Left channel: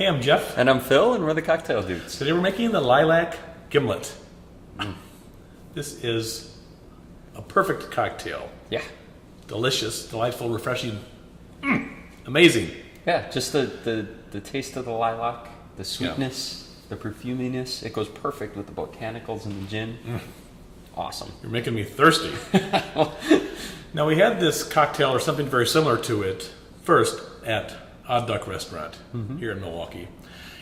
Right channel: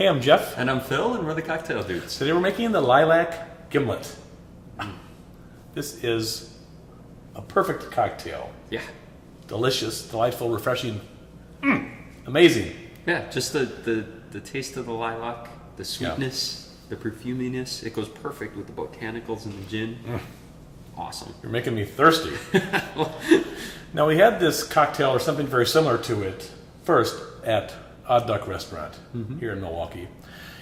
Hey, I'm Jeff. And I'm Phil, and we're the Cocktail Dudes. Today we're making the lilac gimlet. This is a perfect cocktail. Yeah. Delicious, delightful, refreshing. Amazing. Yeah, just the taste of the lilac, the sweetness, the perfuminess. It goes perfect with the botanicals and the gin. Awesome. You're making me thirsty. Now, we had this cocktail or something very similar to it first at Odd Duck Restaurant here in Milwaukee.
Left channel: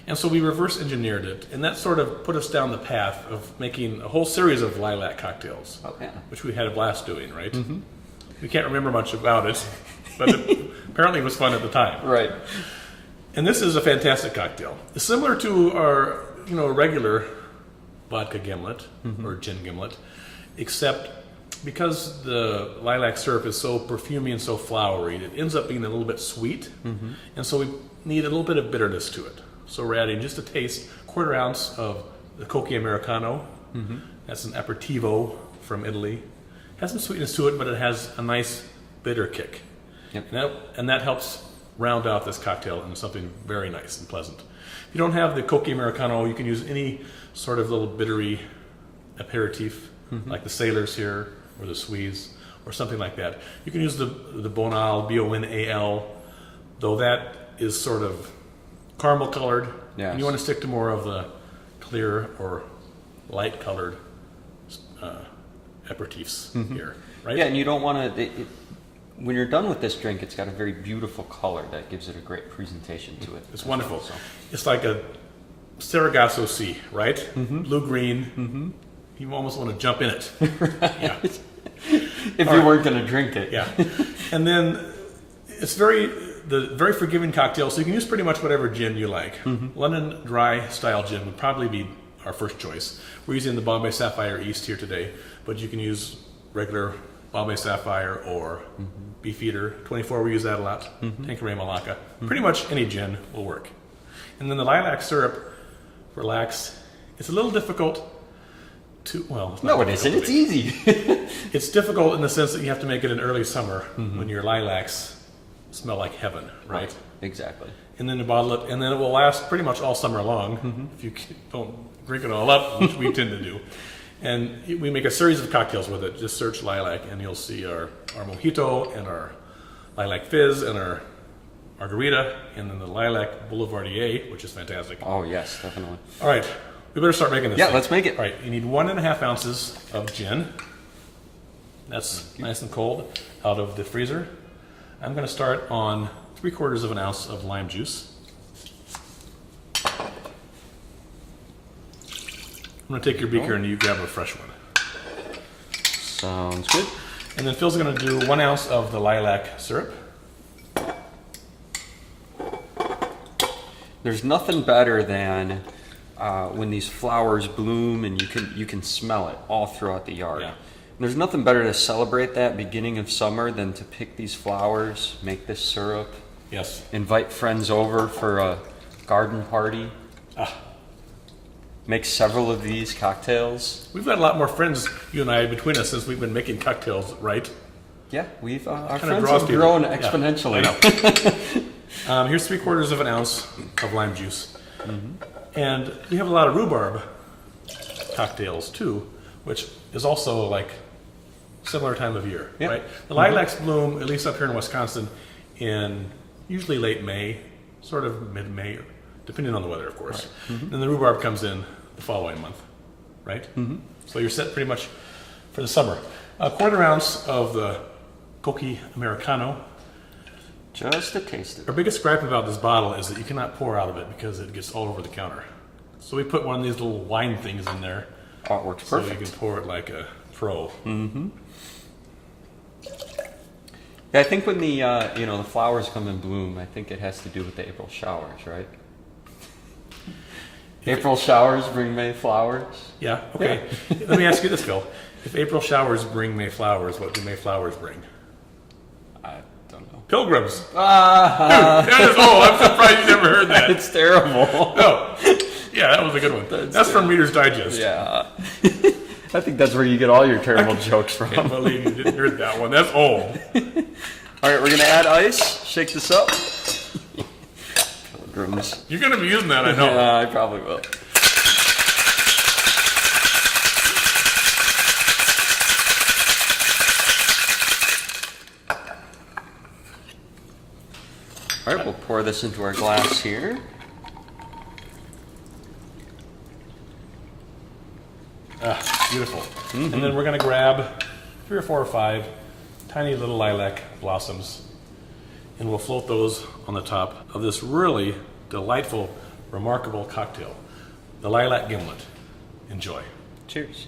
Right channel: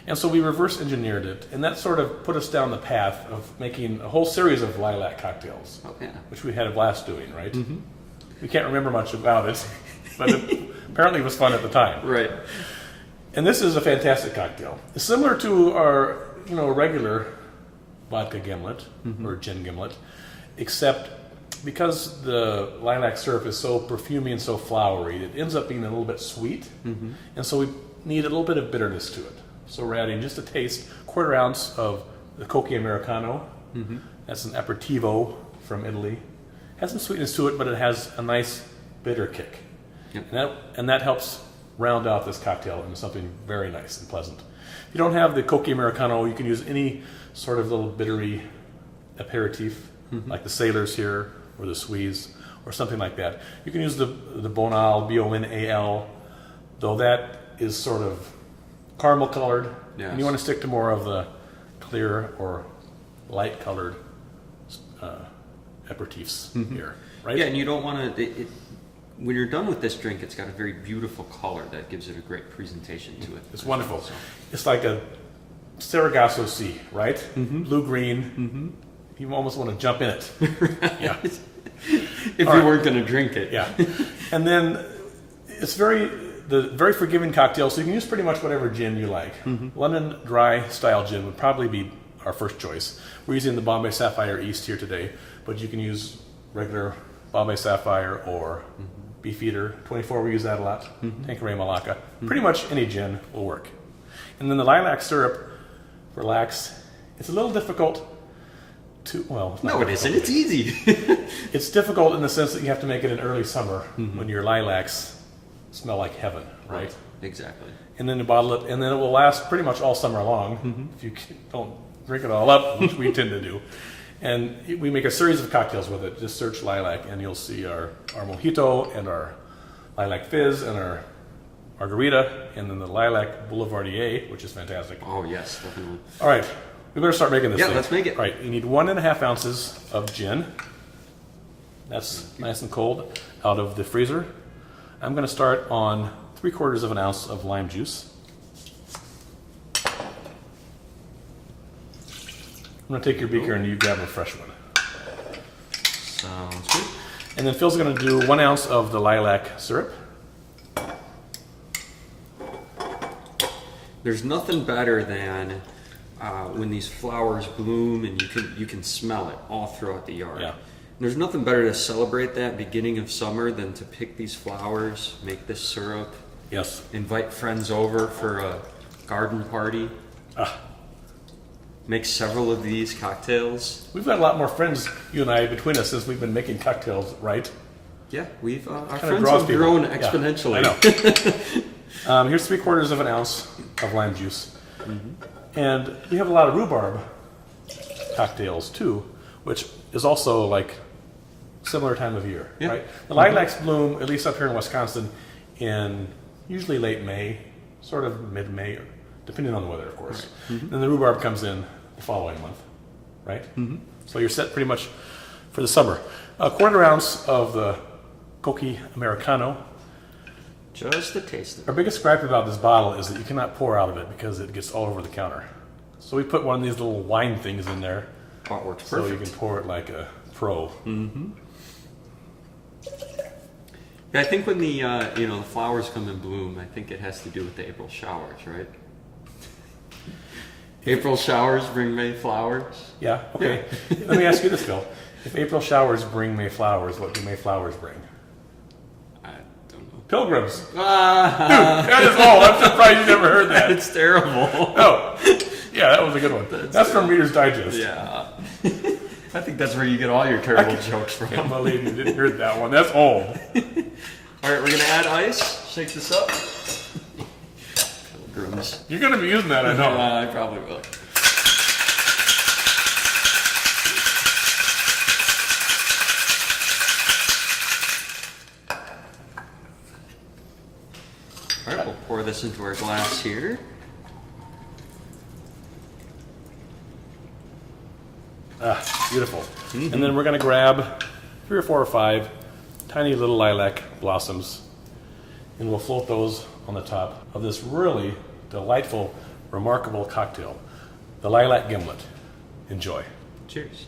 And so we reverse engineered it, and that sort of put us down the path of making a whole series of lilac cocktails, which we had a blast doing, right? We can't remember much about it, but it apparently was fun at the time. Right. And this is a fantastic cocktail. It's similar to our regular vodka gimlet or gin gimlet, except because the lilac syrup is so perfumey and so flowery, it ends up being a little bit sweet, and so we need a little bit of bitterness to it. So we're adding just a taste, 1/4 ounce of the Cocchi Americano. That's an aperitivo from Italy. Has some sweetness to it, but it has a nice bitter kick. Yep. And that helps round out this cocktail into something very nice and pleasant. If you don't have the Cocchi Americano, you can use any sort of little bittery aperitif, like the Sailors here, or the Swedes, or something like that. You can use the Bonal, B-O-N-A-L, though that is sort of caramel colored. Yes. And you want to stick to more of the clear or light colored aperitifs here, right? Yeah, and you don't want to... When you're done with this drink, it's got a very beautiful color that gives it a great presentation to it. It's wonderful. Well, so. It's like a Sargasso Sea, right? Blue-green. You almost want to jump in it. Yeah. If you weren't going to drink it. Yeah. And then it's very forgiving cocktail, so you can use pretty much whatever gin you like. London Dry style gin would probably be our first choice. We're using the Bombay Sapphire East here today, but you can use regular Bombay Sapphire or Beefeater. 24, we use that a lot. Tanqueray Malacca. Pretty much any gin will work. And then the lilac syrup, relax. It's a little difficult to, well, it's not No, it isn't. It's easy. It's difficult in the sense that you have to make it in early summer when your lilacs smell like heaven, right? Exactly. And then you bottle it, and then it will last pretty much all summer long if you don't drink it all up, which we tend to do. And we make a series of cocktails with it. Just search lilac, and you'll see our mojito and our lilac fizz and our margarita, and then the lilac boulevardier, which is fantastic. Oh, yes, definitely. All right, we better start making this thing. Let's make it. All right, you need 1.5 ounces of gin. That's nice and cold out of the freezer. I'm going to start on 3/4 of an ounce of lime juice. I'm going to take your beaker and you grab a fresh one. Sounds good. And then Phil's going to do 1 ounce of the lilac syrup. There's nothing better than when these flowers bloom and you can smell it all throughout the yard. Yeah. There's nothing better to celebrate that beginning of summer than to pick these flowers, make this syrup, Yes. invite friends over for a garden party. Make several of these cocktails. We've got a lot more friends, you and I, between us since we've been making cocktails, right? Yeah, we've our Kinda friends draws have people. grown Yeah, exponentially. I know. Here's 3/4 of an ounce of lime juice. And you have a lot of rhubarb cocktails too, which is also like similar time of year, right? The lilacs bloom, at least up here in Wisconsin, in usually late May, sort of mid-May, depending on the weather, of course. Then the rhubarb comes in the following month, right? So you're set pretty much for the summer. 1/4 ounce of the Cocchi Americano. Just a taste of Our biggest gripe about this bottle is that you cannot pour out of it because it gets all over the counter. So we put one of these little wine things in there. Oh, it works So perfect. you can pour it like a pro. Yeah, I think when the the flowers come in bloom, I think it has to do with the April showers, right? April showers bring May flowers. Yeah, okay. Let me ask you this, Phil. If April showers bring May flowers, what do May flowers bring? I don't know. Pilgrims. Dude, that is, I'm surprised you never heard that. It's terrible. Oh, yeah, that was a good one. That's from Reader's Digest. Yeah. I think that's where you get all your terrible jokes I can't from. believe you didn't hear that one. That's old. All right, we're going to add ice. Shake this up. mushrooms. You're going to be using that, I know. I probably will. All right, we'll pour this into our glass here. Ah, beautiful. And then we're going to grab 3 or 4 or 5 tiny little lilac blossoms, and we'll float those on the top of this really delightful, remarkable cocktail, the Lilac Gimlet. Enjoy. Cheers.